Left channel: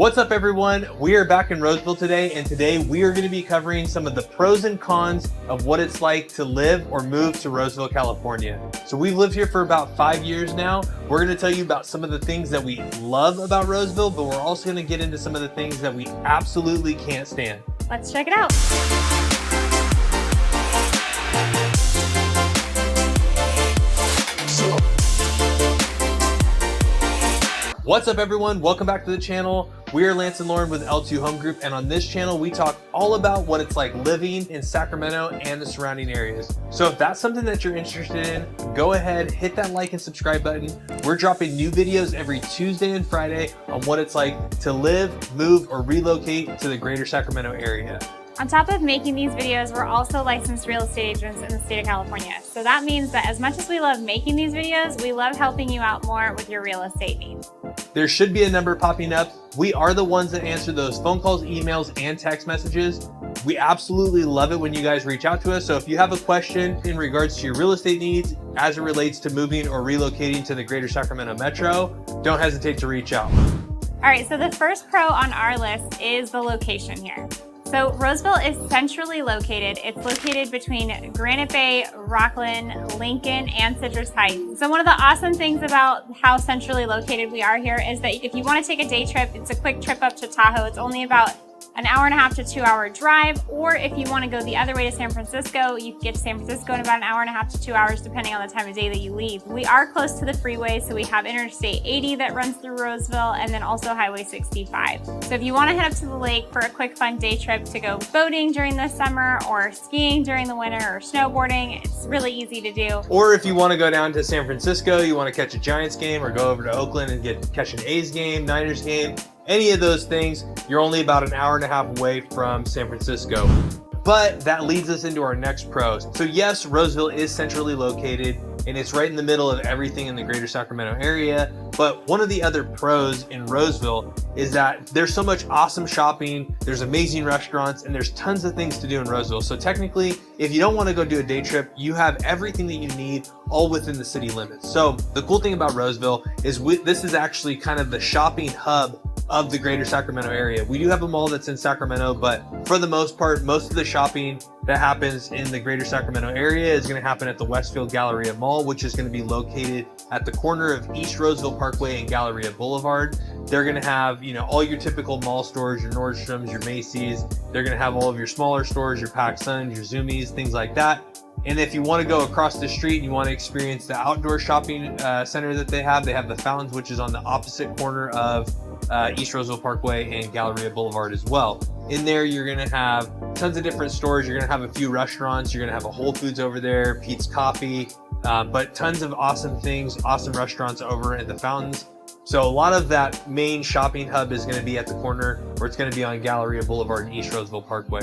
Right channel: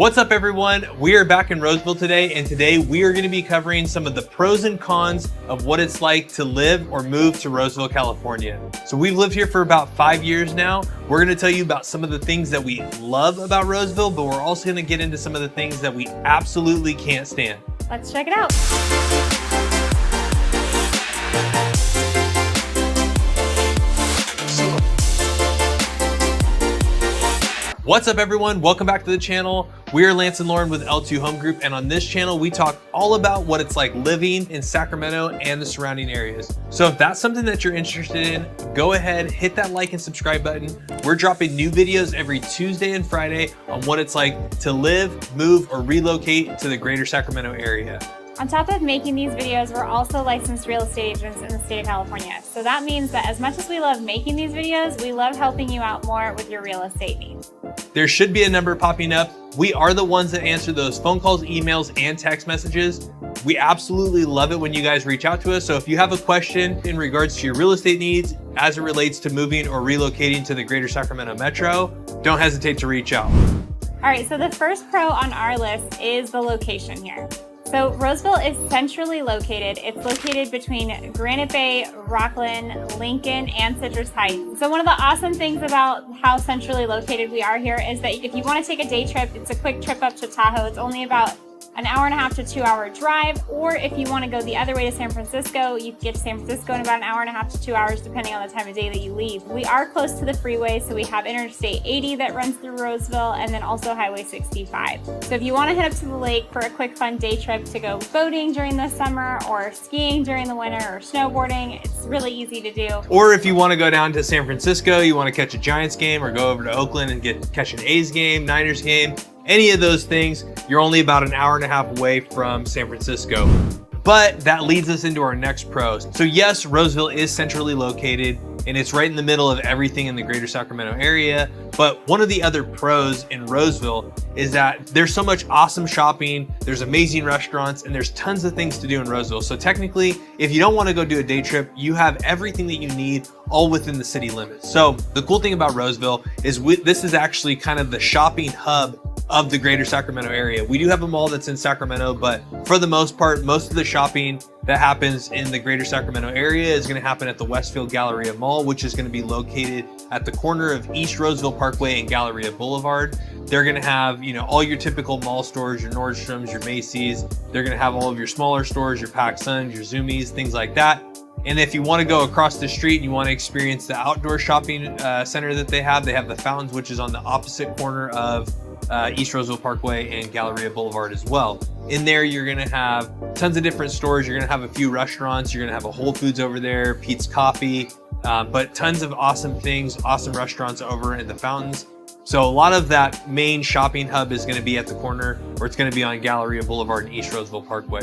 What's up everyone? We are back in Roseville today, and today we are going to be covering some of the pros and cons of what it's like to live or move to Roseville, California. So we've lived here for about 5 years now. We're going to tell you about some of the things that we love about Roseville, but we're also going to get into some of the things that we absolutely can't stand. Let's check it out. What's up everyone? Welcome back to the channel. We're Lance and Lauren with L2 Home Group, and on this channel we talk all about what it's like living in Sacramento and the surrounding areas. So if that's something that you're interested in, go ahead, hit that like and subscribe button. We're dropping new videos every Tuesday and Friday on what it's like to live, move, or relocate to the greater Sacramento area. On top of making these videos, we're also licensed real estate agents in the state of California. So that means that as much as we love making these videos, we love helping you out more with your real estate needs. There should be a number popping up. We are the ones that answer those phone calls, emails, and text messages. We absolutely love it when you guys reach out to us. So if you have a question in regards to your real estate needs as it relates to moving or relocating to the greater Sacramento metro, don't hesitate to reach out. All right, so the first pro on our list is the location here. So Roseville is centrally located. It's located between Granite Bay, Rockland, Lincoln, and Citrus Heights. So one of the awesome things about how centrally located we are here is that if you want to take a day trip, it's a quick trip up to Tahoe. It's only about an hour and a half to 2 hour drive, or if you want to go the other way to San Francisco, you can get to San Francisco in about an hour and a half to 2 hours, depending on the time of day that you leave. We are close to the freeway, so we have Interstate 80 that runs through Roseville, and then also Highway 65. So if you want to head up to the lake for a quick fun day trip to go boating during the summer, or skiing during the winter, or snowboarding, it's really easy to do. Or if you want to go down to San Francisco, you want to catch a Giants game, or go over to Oakland and catch an A's game, Niners game, any of those things, you're only about an hour and a half away from San Francisco. But that leads us into our next pros. So yes, Roseville is centrally located and it's right in the middle of everything in the greater Sacramento area. But one of the other pros in Roseville is that there's so much awesome shopping, there's amazing restaurants, and there's tons of things to do in Roseville. So technically, if you don't want to go do a day trip, you have everything that you need all within the city limits. So the cool thing about Roseville is this is actually kind of the shopping hub of the greater Sacramento area. We do have a mall that's in Sacramento, but for the most part, most of the shopping that happens in the greater Sacramento area is going to happen at the Westfield Galleria Mall, which is going to be located at the corner of East Roseville Parkway and Galleria Boulevard. They're going to have, all your typical mall stores, your Nordstroms, your Macy's. They're going to have all of your smaller stores, your PacSuns, your Zoomies, things like that. And if you want to go across the street and you want to experience the outdoor shopping center that they have the Fountains, which is on the opposite corner of East Roseville Parkway and Galleria Boulevard as well. In there, you're going to have tons of different stores. You're going to have a few restaurants. You're going to have a Whole Foods over there, Pete's Coffee, but tons of awesome things, awesome restaurants over at the Fountains. So a lot of that main shopping hub is going to be at the corner, or it's going to be on Galleria Boulevard and East Roseville Parkway.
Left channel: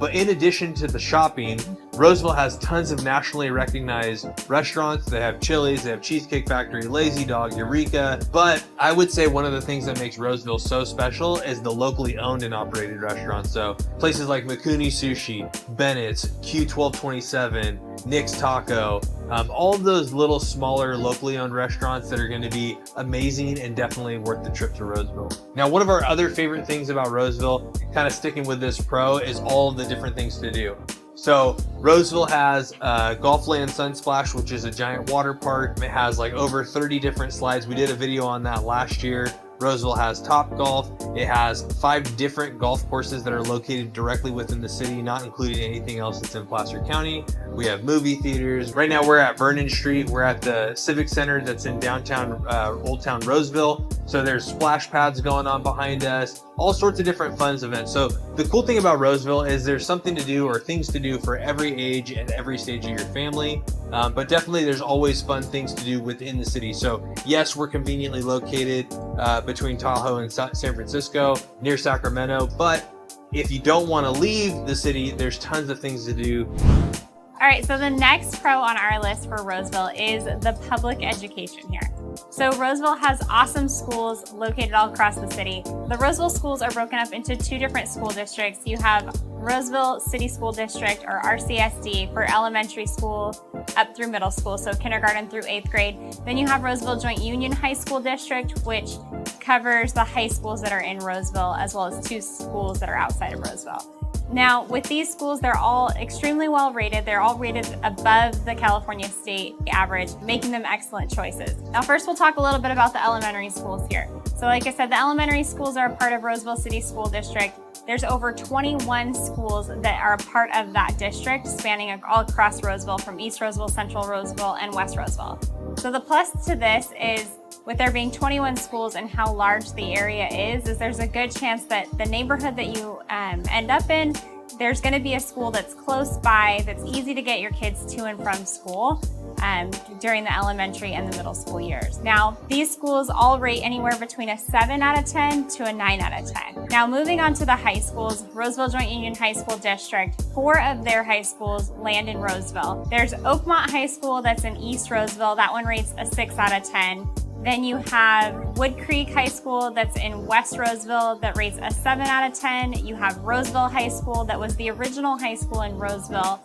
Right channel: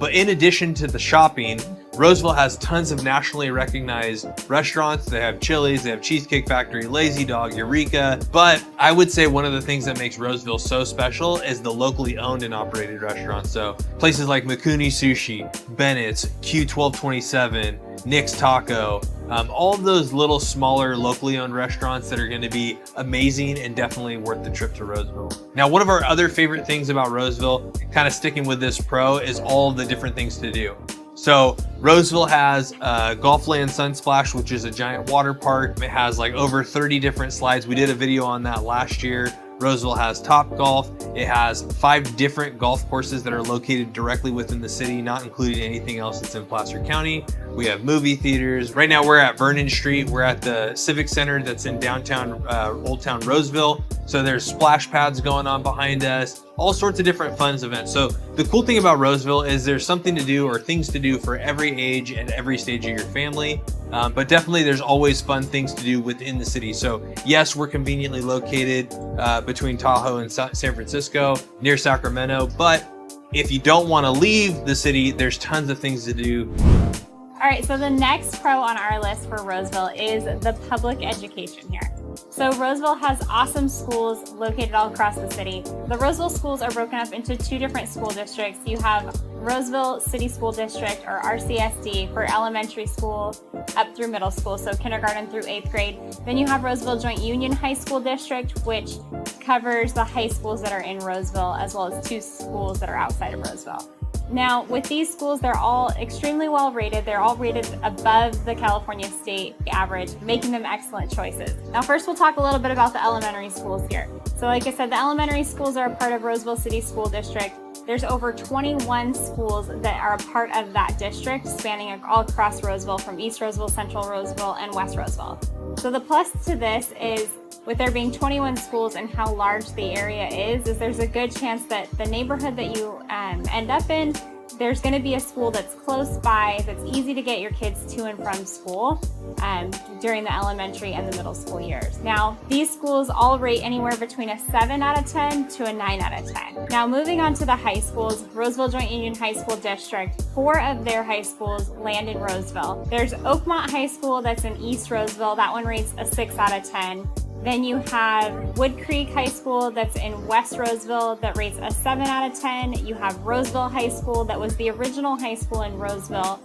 But in addition to the shopping, Roseville has tons of nationally recognized restaurants. They have Chili's, they have Cheesecake Factory, Lazy Dog, Eureka. But I would say one of the things that makes Roseville so special is the locally owned and operated restaurants. So places like Mikuni Sushi, Bennett's, Q1227, Nick's Taco, all of those little smaller locally owned restaurants that are going to be amazing and definitely worth the trip to Roseville. Now, one of our other favorite things about Roseville, kind of sticking with this pro, is all the different things to do. So Roseville has Golfland Sunsplash, which is a giant water park. It has like over 30 different slides. We did a video on that last year. Roseville has Top Golf. It has 5 different golf courses that are located directly within the city, not including anything else that's in Placer County. We have movie theaters. Right now we're at Vernon Street. We're at the Civic Center that's in downtown Old Town Roseville. So there's splash pads going on behind us, all sorts of different fun events. So the cool thing about Roseville is there's something to do or things to do for every age and every stage of your family. But definitely there's always fun things to do within the city. So yes, we're conveniently located between Tahoe and San Francisco, near Sacramento. But if you don't want to leave the city, there's tons of things to do. All right, so the next pro on our list for Roseville is the public education here. So Roseville has awesome schools located all across the city. The Roseville schools are broken up into 2 different school districts. You have Roseville City School District, or RCSD, for elementary school up through middle school, so kindergarten through 8th grade. Then you have Roseville Joint Union High School District, which covers the high schools that are in Roseville, as well as 2 schools that are outside of Roseville. Now, with these schools, they're all extremely well rated. They're all rated above the California state average, making them excellent choices. Now, first we'll talk a little bit about the elementary schools here. So like I said, the elementary schools are a part of Roseville City School District. There's over 21 schools that are a part of that district, spanning all across Roseville, from East Roseville, Central Roseville, and West Roseville. So the plus to this is, with there being 21 schools and how large the area is there's a good chance that the neighborhood that you end up in, there's going to be a school that's close by, that's easy to get your kids to and from school during the elementary and the middle school years. Now, these schools all rate anywhere between a 7 out of 10 to a 9 out of 10. Now, moving on to the high schools, Roseville Joint Union High School District, 4 of their high schools land in Roseville. There's Oakmont High School that's in East Roseville. That one rates a 6 out of 10. Then you have Wood Creek High School that's in West Roseville that rates a 7 out of 10. You have Roseville High School that was the original high school in Roseville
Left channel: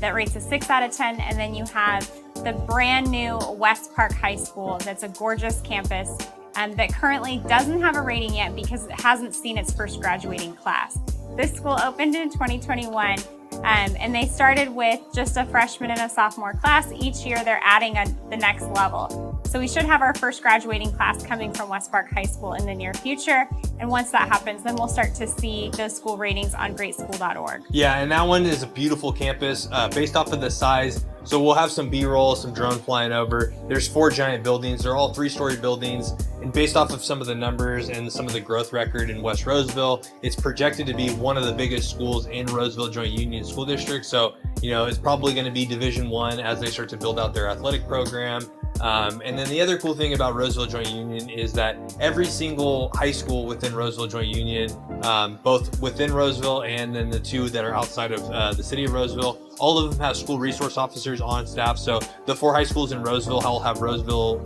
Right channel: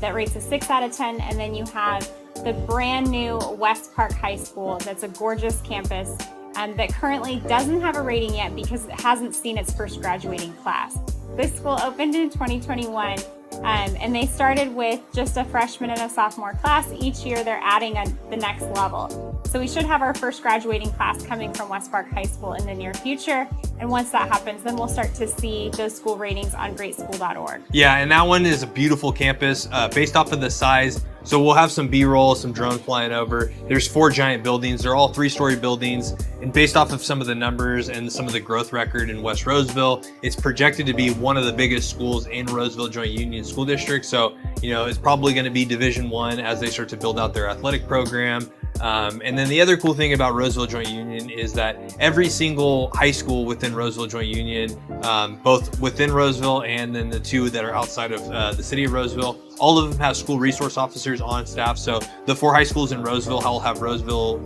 that rates a 6 out of 10. And then you have the brand new West Park High School that's a gorgeous campus that currently doesn't have a rating yet because it hasn't seen its first graduating class. This school opened in 2021. And they started with just a freshman and a sophomore class. Each year they're adding the next level. So we should have our first graduating class coming from West Park High School in the near future. And once that happens, then we'll start to see those school ratings on greatschool.org. Yeah, and that one is a beautiful campus based off of the size. So we'll have some B-roll, some drone flying over. There's 4 giant buildings. They're all 3-story buildings. And based off of some of the numbers and some of the growth record in West Roseville, it's projected to be one of the biggest schools in Roseville Joint Union School District. So, it's probably going to be Division I as they start to build out their athletic program. And then the other cool thing about Roseville Joint Union is that every single high school within Roseville Joint Union, both within Roseville and then the 2 that are outside of the city of Roseville, all of them have school resource officers on staff. So the 4 high schools in Roseville all have Roseville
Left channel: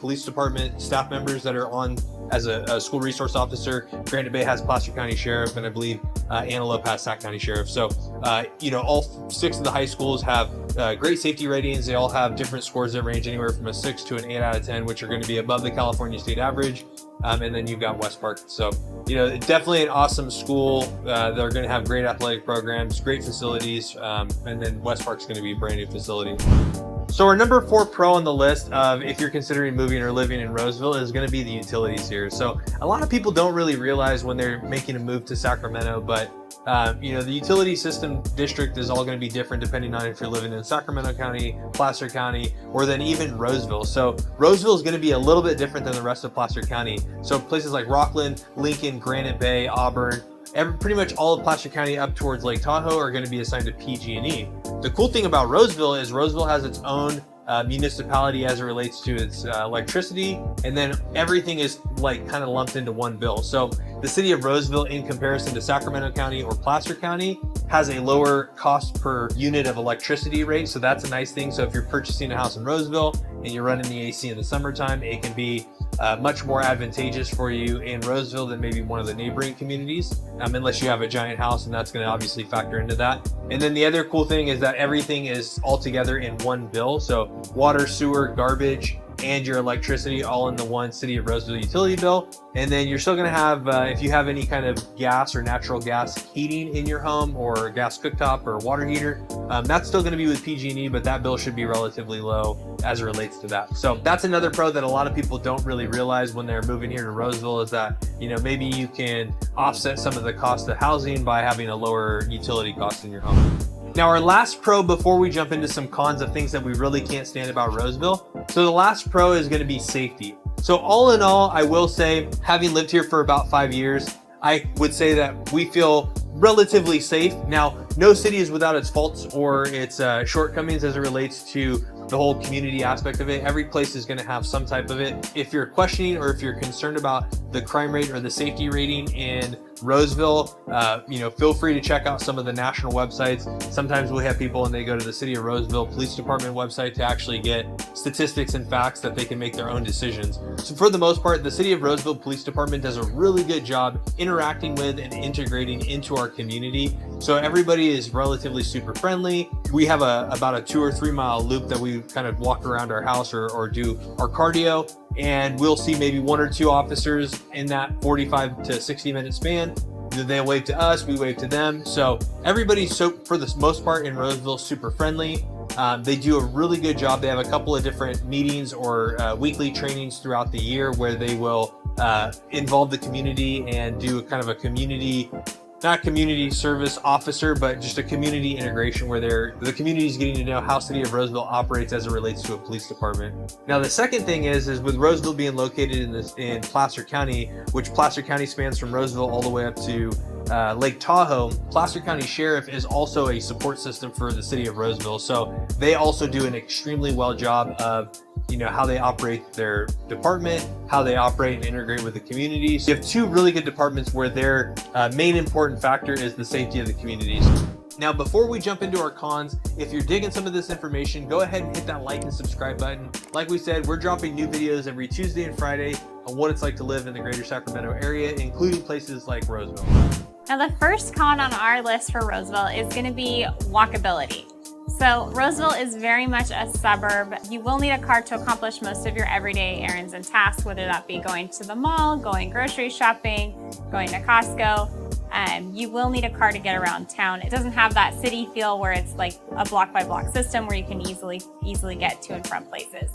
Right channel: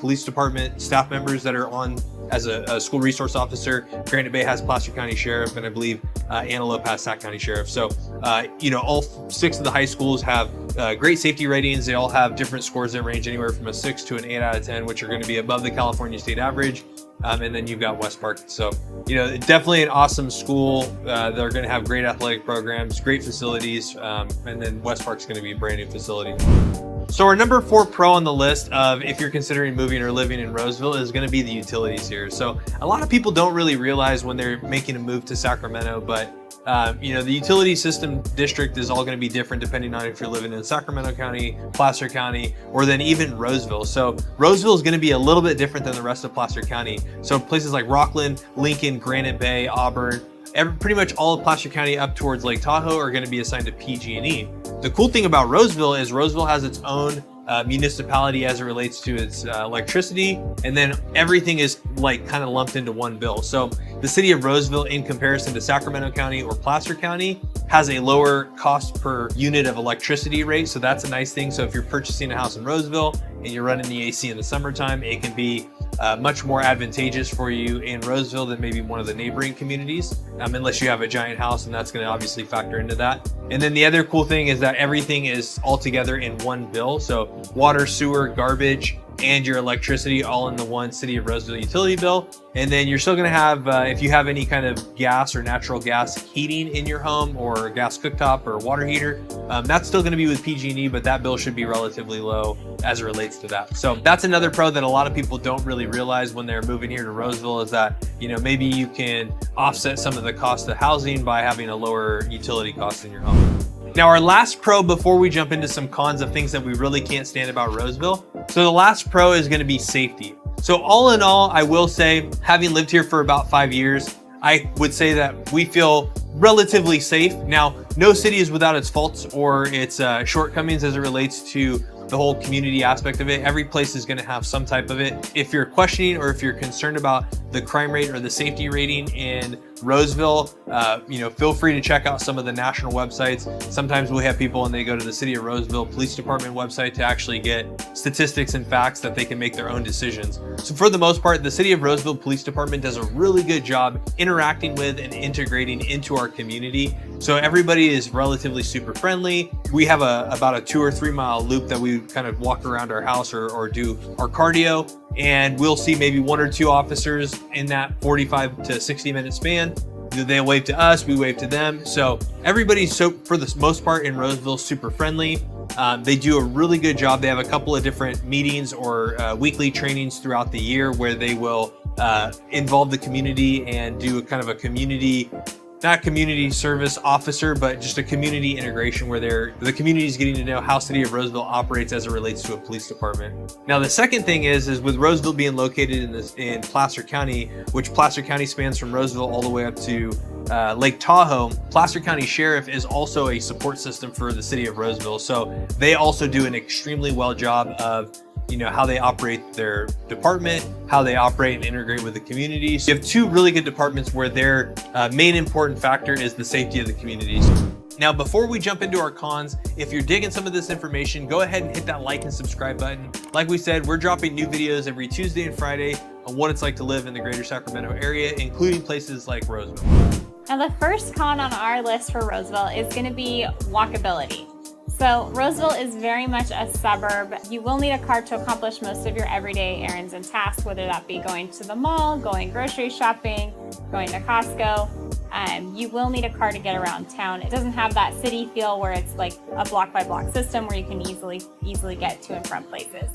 Police Department staff members that are on as a school resource officer. Granite Bay has Placer County Sheriff, and I believe Antelope has Sac County Sheriff. So, all 6 of the high schools have great safety ratings. They all have different scores that range anywhere from a 6 to an 8 out of 10, which are going to be above the California state average. And then you've got West Park. So, definitely an awesome school. They're going to have great athletic programs, great facilities. And then West Park's going to be a brand new facility. So our number 4 pro on the list of if you're considering moving or living in Roseville is going to be the utilities here. So a lot of people don't really realize when they're making a move to Sacramento, but the utility system district is all going to be different depending on if you're living in Sacramento County, Placer County, or then even Roseville. So Roseville is going to be a little bit different than the rest of Placer County. So places like Rockland, Lincoln, Granite Bay, Auburn, pretty much all of Placer County up towards Lake Tahoe are going to be assigned to PG&E. The cool thing about Roseville is Roseville has its own municipality as it relates to its electricity, and then everything is kind of lumped into one bill. So the city of Roseville, in comparison to Sacramento County or Placer County, has a lower cost per unit of electricity rate. So that's a nice thing. So if you're purchasing a house in Roseville and you're running the AC in the summertime, it can be much more advantageous for you in Roseville than maybe one of the neighboring communities, unless you have a giant house, and that's going to obviously factor into that. And then the other cool thing is that everything is all together in one bill. So water, sewer, garbage, and your electricity all in the one city of Roseville utility bill. And then you're still going to have, if you have any kind of gas or natural gas heating in your home, or gas cooktop or water heater, that's still going to be with PG&E, but that bill should be relatively low as it relates to that. So that's another pro that a lot of people don't really realize when they're moving here to Roseville, is that, maybe you can offset some of the cost of housing by having a lower utility cost in your home. Now, our last pro before we jump into some cons of things that we really can't stand about Roseville. So the last pro is going to be safety. So all in all, I will say, having lived here for about 5 years, I would say that we feel relatively safe. Now, no city is without its faults or its shortcomings as it relates to the whole community aspect of it. Every place is going to have some type of it. If you're questioning or if you're concerned about the crime rate or the safety rating in Roseville, feel free to check out some of the national websites. Sometimes we have people when they go to the City of Roseville Police Department website to actually get statistics and facts that they can make their own decisions. So for the most part, the City of Roseville Police Department does a really good job interacting with and integrating into our community. So everybody is relatively super friendly. We have about a 2 or 3 mile loop that we kind of walk around our house or do our cardio. and we'll see maybe 1 or 2 officers in that 45 to 60-minute span. They wave to us, we wave to them. So everybody's, so for the most part in Roseville, super friendly. They do a really good job. They have a couple of different meetings or weekly trainings throughout the year where they will involve the community and do a kind of a community, not community service officer, but just a community integration where the community is getting to know how City of Roseville operates as it relates to a police department. Now, the second thing is with Roseville being located in Placer County, which Placer County spans from Roseville all the way up to Lake Tahoe, Placer County Sheriff is also a support system for the City of Roseville. So they also do an extremely well job of how they operate their department, how they operate and integrate with the communities. You have 2 really good departments where their main important factor is the safety of the communities. Now, before we jump into our cons, if you're digging some of this information, go ahead and hit that like and subscribe button. Like we said, we're dropping new videos every Tuesday and Friday on what it's like to live in the greater Sacramento area, including places like Roseville. Now, the first con on our list for Roseville is going to be walkability. So Roseville is very much a suburb. You will need a car to accomplish most of your everyday errands and tasks, whether that be going to the mall, going grocery shopping, going to Costco. You will need a car to get around town. It doesn't have that city feel where it's like a block by block system where you can easily get to and from places.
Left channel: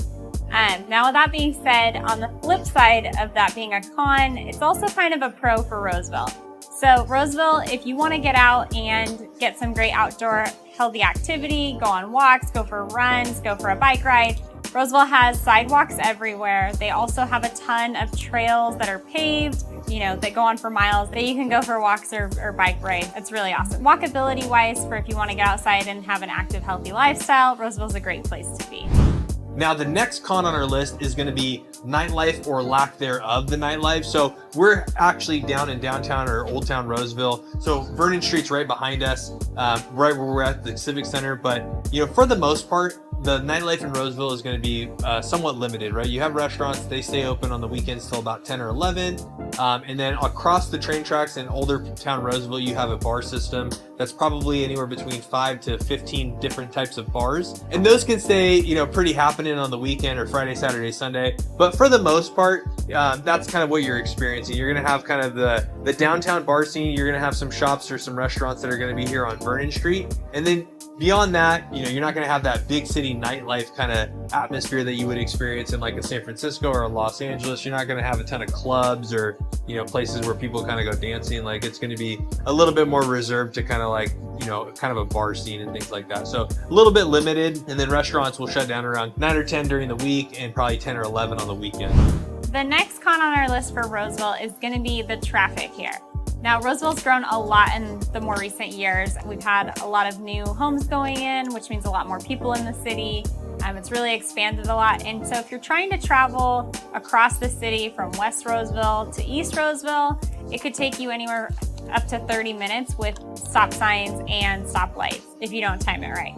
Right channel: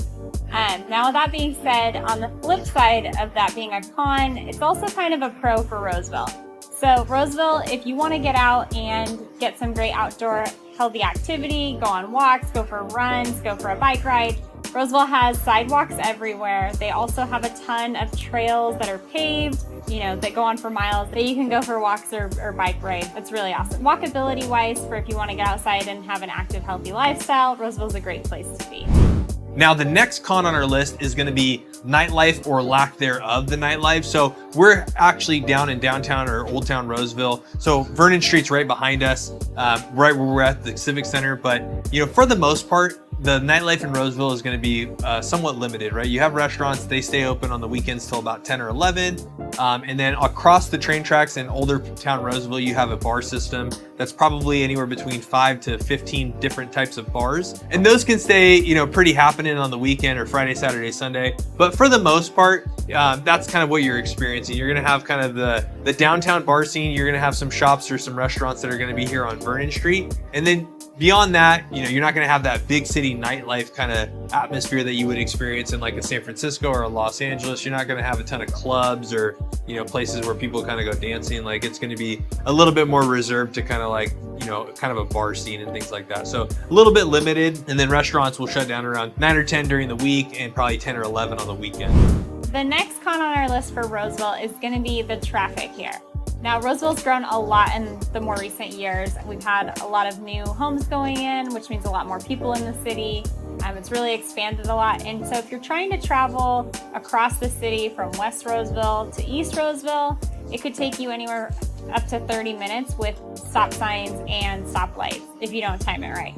Now, with that being said, on the flip side of that being a con, it's also kind of a pro for Roseville. So Roseville, if you want to get out and get some great outdoor healthy activity, go on walks, go for runs, go for a bike ride, Roseville has sidewalks everywhere. They also have a ton of trails that are paved, that go on for miles that you can go for walks or bike rides. That's really awesome. Walkability wise, for if you want to get outside and have an active, healthy lifestyle, Roseville's a great place to be. Now, the next con on our list is going to be nightlife or lack thereof the nightlife. So we're actually down in downtown or Old Town Roseville. So Vernon Street's right behind us, right where we're at the Civic Center. But, for the most part, the nightlife in Roseville is going to be somewhat limited, right? You have restaurants, they stay open on the weekends till about 10 or 11. And then across the train tracks in Older Town Roseville, you have a bar system that's probably anywhere between 5 to 15 different types of bars. And those can stay, pretty happening on the weekend or Friday, Saturday, Sunday. But for the most part, that's kind of what you're experiencing. You're going to have kind of the downtown bar scene. You're going to have some shops or some restaurants that are going to be here on Vernon Street. And then beyond that, you're not going to have that big city nightlife kind of atmosphere that you would experience in like a San Francisco or a Los Angeles. You're not going to have a ton of clubs or, places where people kind of go dancing. Like, it's going to be a little bit more reserved to kind of like, kind of a bar scene and things like that. So a little bit limited. And then restaurants will shut down around 9 or 10 during the week and probably 10 or 11 on the weekend. The next con on our list for Roseville is going to be the traffic here. Now, Roseville's grown a lot in the more recent years. We've had a lot of new homes going in, which means a lot more people in the city. It's really expanded a lot. And so if you're trying to travel across the city from West Roseville to East Roseville, it could take you anywhere up to 30 minutes with stop signs and stoplights if you don't time it right.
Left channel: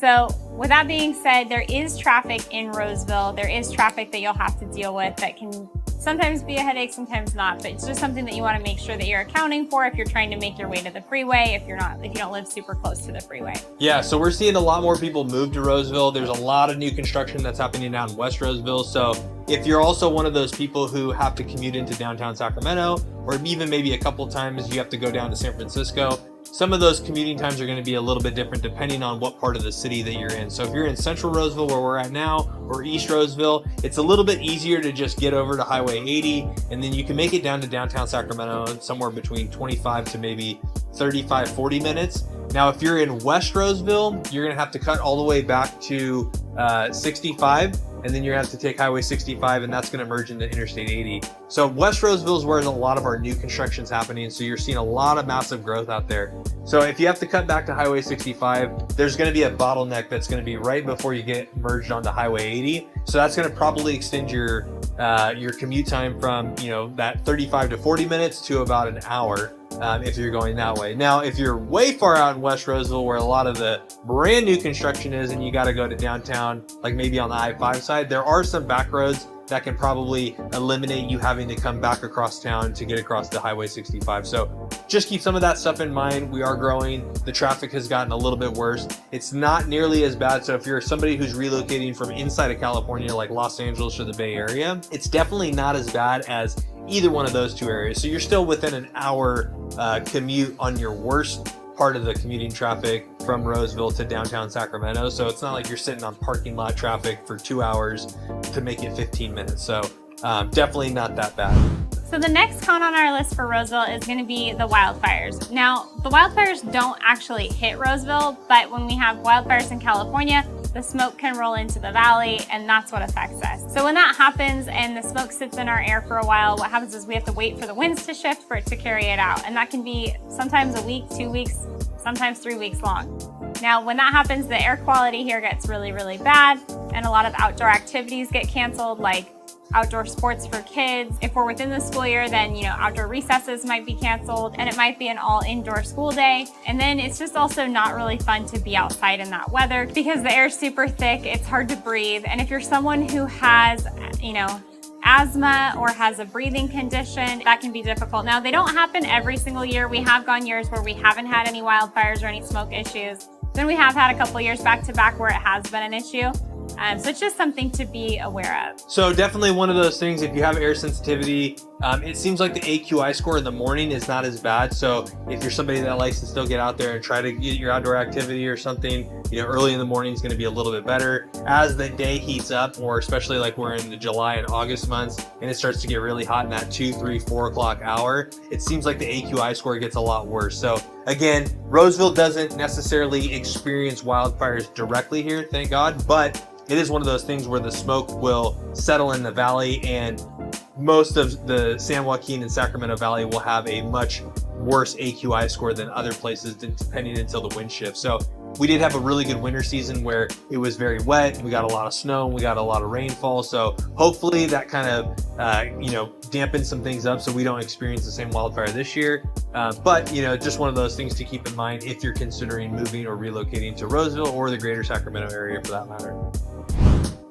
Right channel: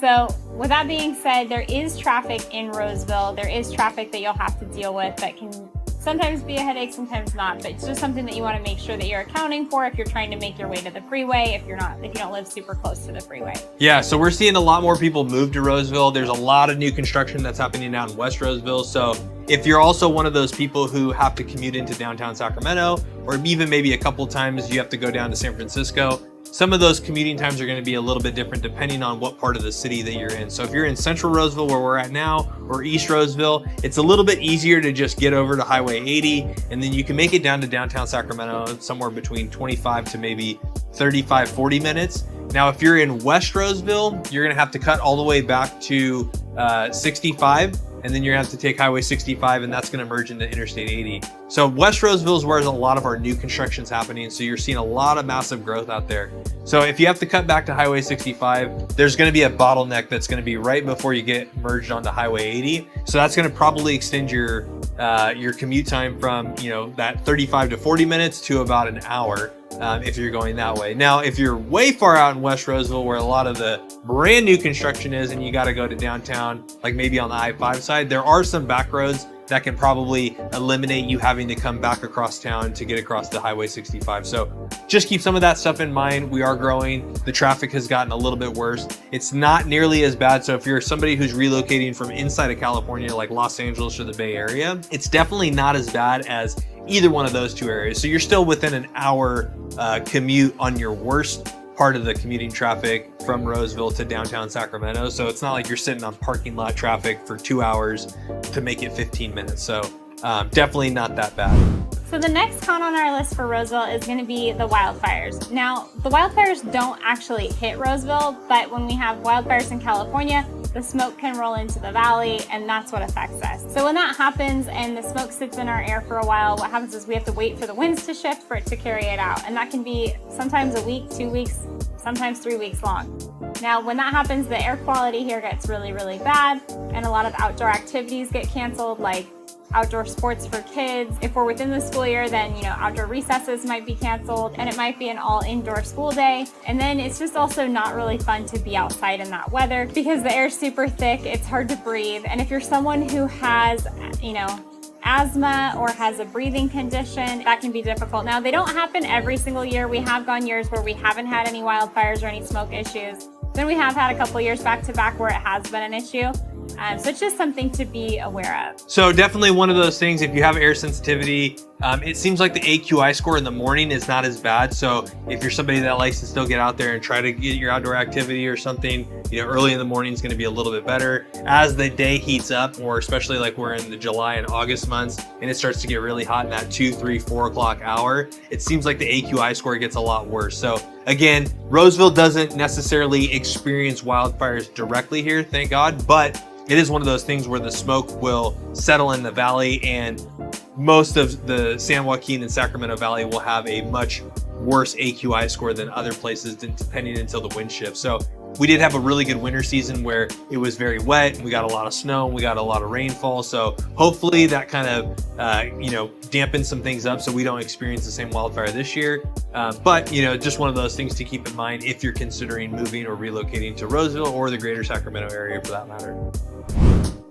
So with that being said, there is traffic in Roseville. There is traffic that you'll have to deal with that can sometimes be a headache, sometimes not, but it's just something that you want to make sure that you're accounting for if you're trying to make your way to the freeway, if you don't live super close to the freeway. Yeah, so we're seeing a lot more people move to Roseville. There's a lot of new construction that's happening down in West Roseville. So if you're also one of those people who have to commute into downtown Sacramento, or even maybe a couple times you have to go down to San Francisco, some of those commuting times are going to be a little bit different depending on what part of the city that you're in. So if you're in Central Roseville, where we're at now, or East Roseville, it's a little bit easier to just get over to Highway 80, and then you can make it down to downtown Sacramento somewhere between 25 to maybe 35, 40 minutes. Now, if you're in West Roseville, you're going to have to cut all the way back to 65, and then you're going to have to take Highway 65, and that's going to merge into Interstate 80. So West Roseville is where a lot of our new construction's happening. So you're seeing a lot of massive growth out there. So if you have to cut back to Highway 65, there's going to be a bottleneck that's going to be right before you get merged onto Highway 80. So that's going to probably extend your commute time from, that 35 to 40 minutes to about an hour. If you're going that way. Now, if you're way far out in West Roseville, where a lot of the brand new construction is, and you got to go to downtown, like maybe on the I-5 side, there are some back roads that can probably eliminate you having to come back across town to get across the Highway 65. So just keep some of that stuff in mind. We are growing. The traffic has gotten a little bit worse. It's not nearly as bad. So if you're somebody who's relocating from inside of California, like Los Angeles or the Bay Area, it's definitely not as bad as either one of those two areas. So you're still within an hour commute on your worst part of the commuting traffic from Roseville to downtown Sacramento. So it's not like you're sitting on parking lot traffic for 2 hours to make it 15 minutes. So definitely not that bad. So the next con on our list for Roseville is going to be the wildfires. Now, the wildfires don't actually hit Roseville, but when we have wildfires in California, the smoke can roll into the valley, and that's what affects us. So when that happens and the smoke sits in our air for a while, what happens is we have to wait for the winds to shift for it to carry it out. And that can be sometimes a week, 2 weeks, sometimes 3 weeks long. Now, when that happens, the air quality here gets really, really bad, and a lot of outdoor activities get canceled, like outdoor sports for kids. If we're within the school year, then, outdoor recesses might be canceled, and it might be an all indoor school day. And then it's just also not really fun to be outside in that weather because the air's super thick, it's hard to breathe. And if you're someone who has, asthma or has a breathing condition, that can be difficult. Now, they don't happen every single year. We have gone years where we haven't had any wildfires or any smoke issues. Then we have had a couple years back to back where it has been an issue. So it's just something to be aware of. So definitely one of those things, if you have air sensitivity, it seems like the AQI score in the morning is not as bad. So if you're somebody that likes to still get out there and try to get your outdoor activity or something, early in the morning is going to be a little bit better. As the day heats up, or especially like we're in the July and August months, and it starts to get really hot in that 2, 3, 4 o'clock hour, it seems like the AQI score gets a lot worse. So again, Roseville doesn't necessarily experience wildfires directly here, thank God, but it is one of those things where the smoke will settle in the valley, and most of the San Joaquin and Sacramento Valley will have a much worse AQI score than other places, depending until the wind shifts. So we did have a really good winter season where it was very wet and we got a lot of snow and we got a lot of rainfall. So hopefully that kind of, dampens some things up so we don't experience the same wildfire this year. But just one of those things to keep in mind if you're considering moving or relocating to Roseville or the greater Sacramento area for that matter.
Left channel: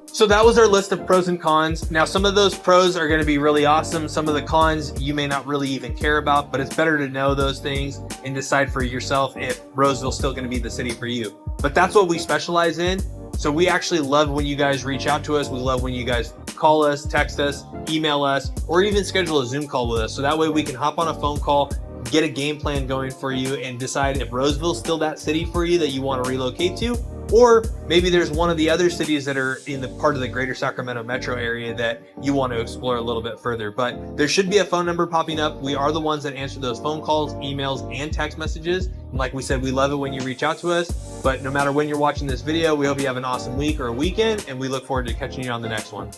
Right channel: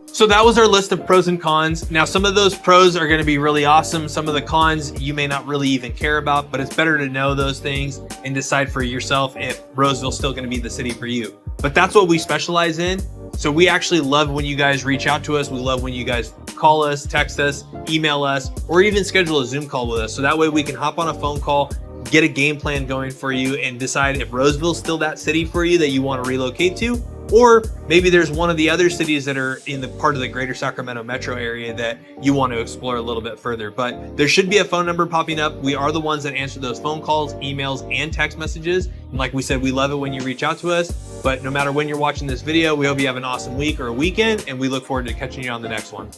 So that was our list of pros and cons. Now, some of those pros are going to be really awesome. Some of the cons you may not really even care about, but it's better to know those things and decide for yourself if Roseville's still going to be the city for you. But that's what we specialize in. So we actually love when you guys reach out to us. We love when you guys call us, text us, email us, or even schedule a Zoom call with us. So that way we can hop on a phone call, get a game plan going for you, and decide if Roseville's still that city for you that you want to relocate to. Or maybe there's one of the other cities that are in the part of the greater Sacramento metro area that you want to explore a little bit further. But there should be a phone number popping up. We are the ones that answer those phone calls, emails, and text messages. And like we said, we love it when you reach out to us. But no matter when you're watching this video, we hope you have an awesome week or a weekend, and we look forward to catching you on the next one.